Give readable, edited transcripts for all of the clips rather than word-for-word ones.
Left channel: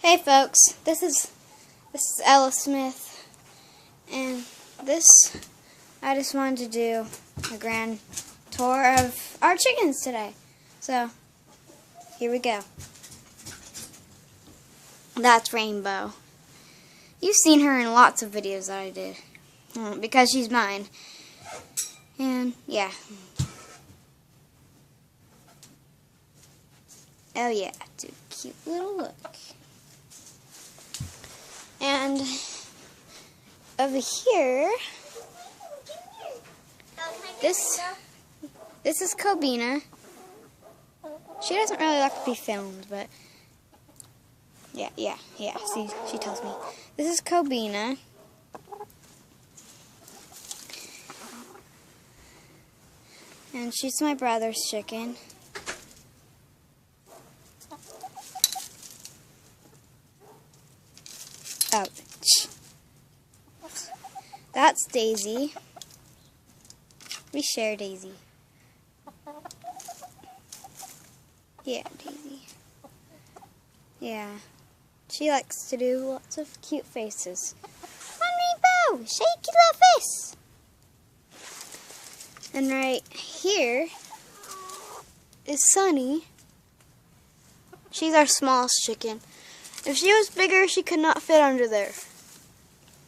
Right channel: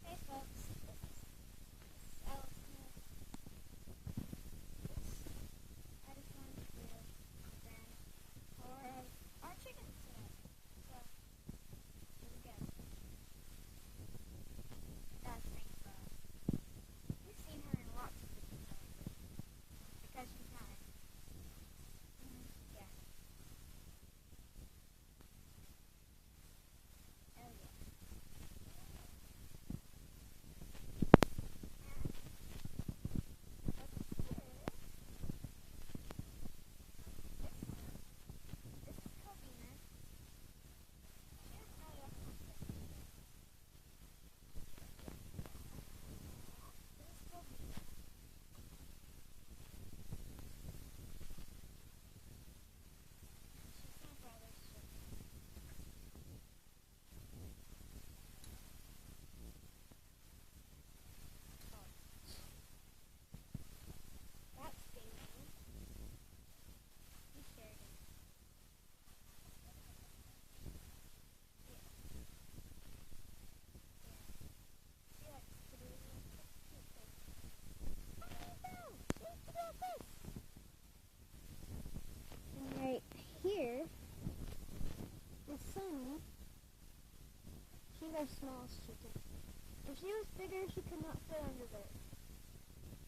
Hey folks, this is Ella Smith, and I just wanted to do a grand tour of our chickens today. So, here we go. That's Rainbow. You've seen her in lots of videos that I did, because she's mine. And, yeah. Oh yeah, it's a cute little look. And over here, this is Kobenia. She doesn't really like to be filmed, but yeah. See, she tells me. This is Kobenia. And she's my brother's chicken. Ouch. That's Daisy. We share Daisy. Yeah, Daisy. Yeah. She likes to do lots of cute faces. Come on, Rainbow! Shake your little face! And right here is Sunny. She's our smallest chicken. If she was bigger, she could not fit under there.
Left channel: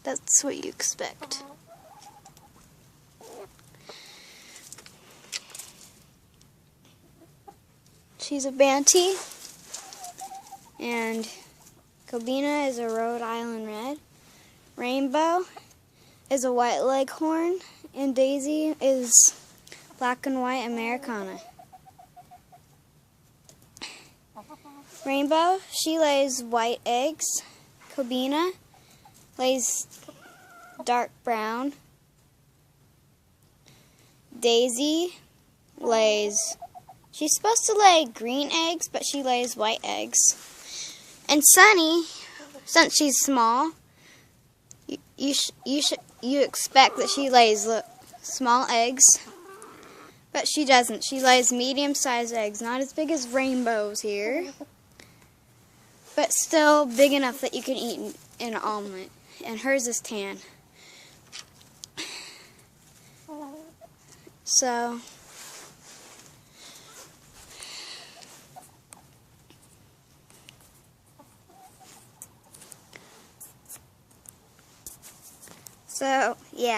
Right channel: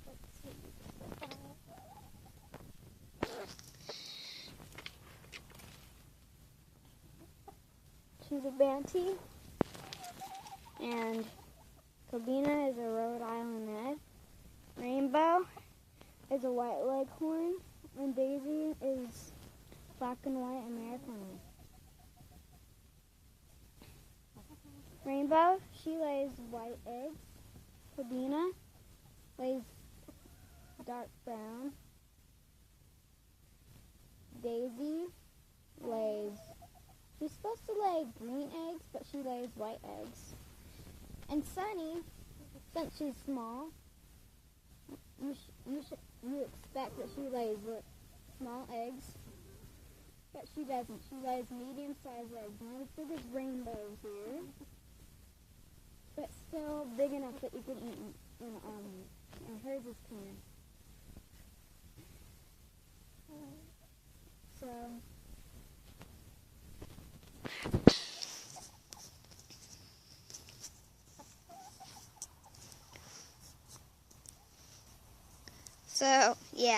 That's what you expect. She's a Banty, and Kobenia is a Rhode Island Red. Rainbow is a White Leghorn, and Daisy is Black and White Americana. Rainbow, she lays white eggs. Kobenia lays dark brown. Daisy lays, she's supposed to lay green eggs, but she lays white eggs. And Sunny, since she's small, you expect that she lays small eggs, but she doesn't. She lays medium-sized eggs, not as big as Rainbow's here, but still big enough that you can eat in an omelet. And hers is tan. So, yeah,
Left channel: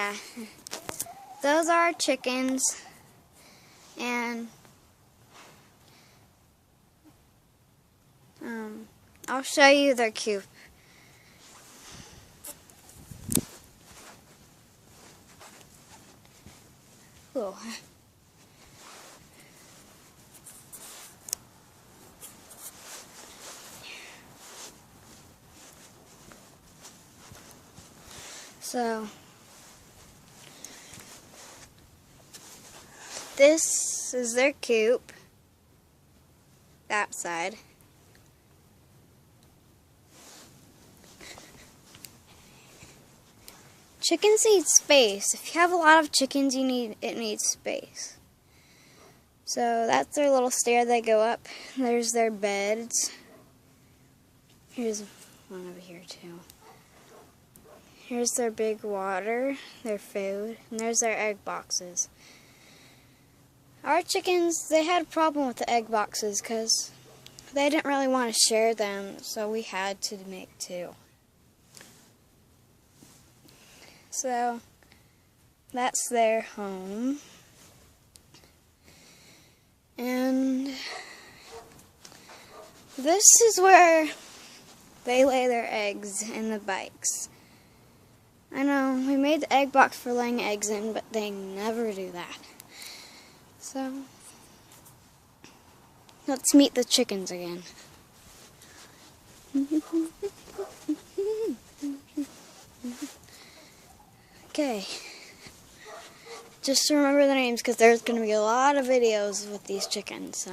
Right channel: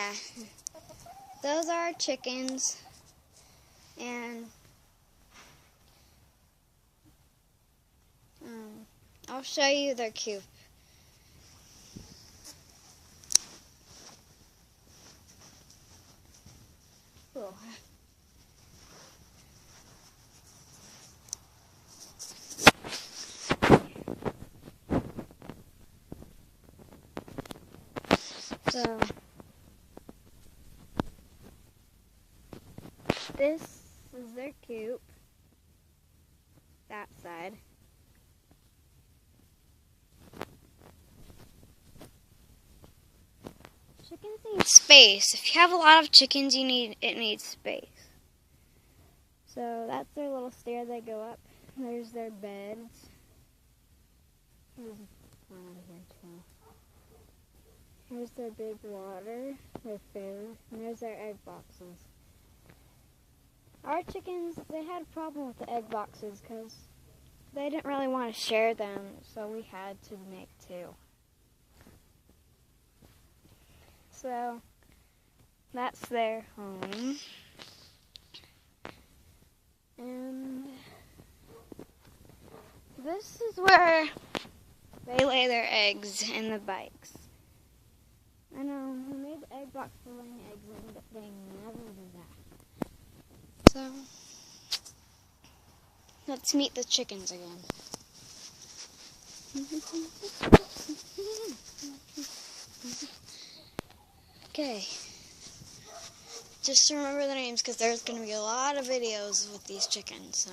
those are our chickens, and I'll show you their coop. Cool. So, this is their coop, that side. Chickens need space. If you have a lot of chickens, it needs space. So that's their little stair they go up. There's their beds. Here's one over here too. Here's their big water, their food, and there's their egg boxes. Our chickens, they had a problem with the egg boxes because they didn't really want to share them, so we had to make two. So, that's their home. And this is where they lay their eggs in the bikes. I know, we made the egg box for laying eggs in, but they never do that. So, let's meet the chickens again. Okay, just remember the names because there's going to be a lot of videos with these chickens. So,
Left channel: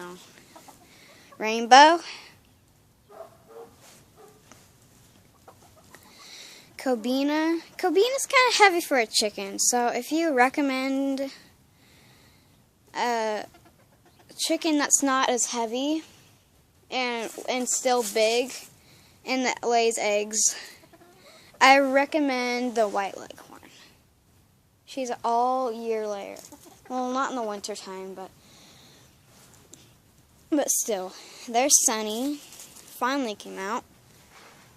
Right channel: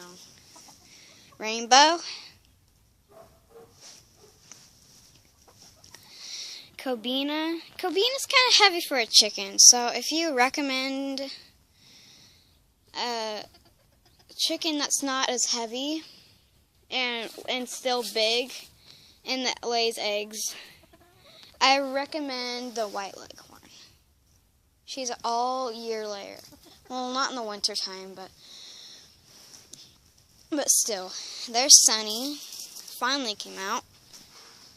Rainbow, Kobenia. Kobena's kind of heavy for a chicken, so if you recommend a chicken that's not as heavy and still big and that lays eggs. I recommend the white leghorn. She's all year layer. Well, not in the winter time, but still. There's Sunny. Finally came out.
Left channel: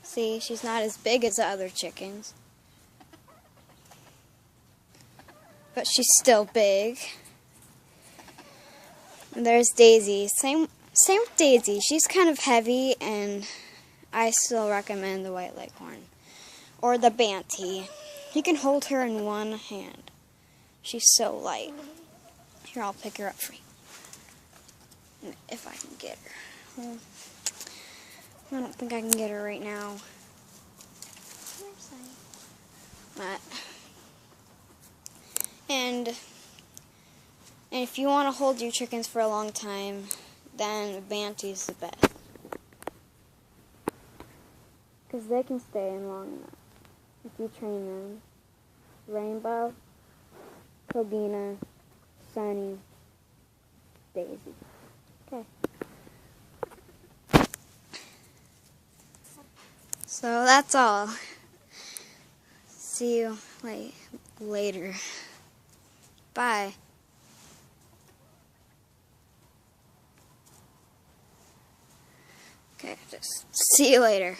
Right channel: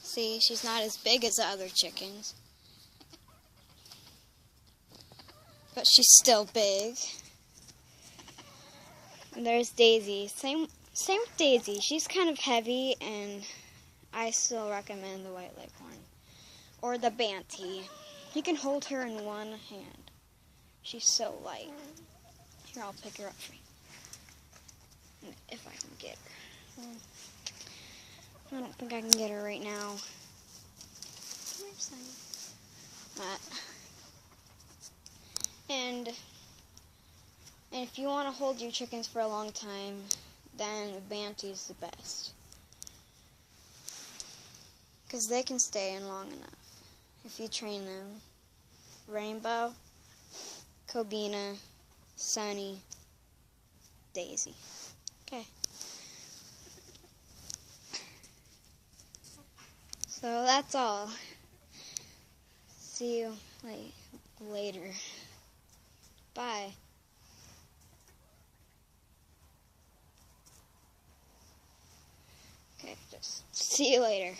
See, she's not as big as the other chickens, but she's still big. And there's Daisy. Same with Daisy. She's kind of heavy, and I still recommend the white leghorn or the Banty. You can hold her in one hand. She's so light. Here, I'll pick her up for you, if I can get her. I don't think I can get her right now. And if you want to hold your chickens for a long time, then Banty's the best. Because they can stay in long enough if you train them. Rainbow, Kobenia, Sunny, Daisy. Okay. So that's all. See you later. Bye. Okay, just see you later.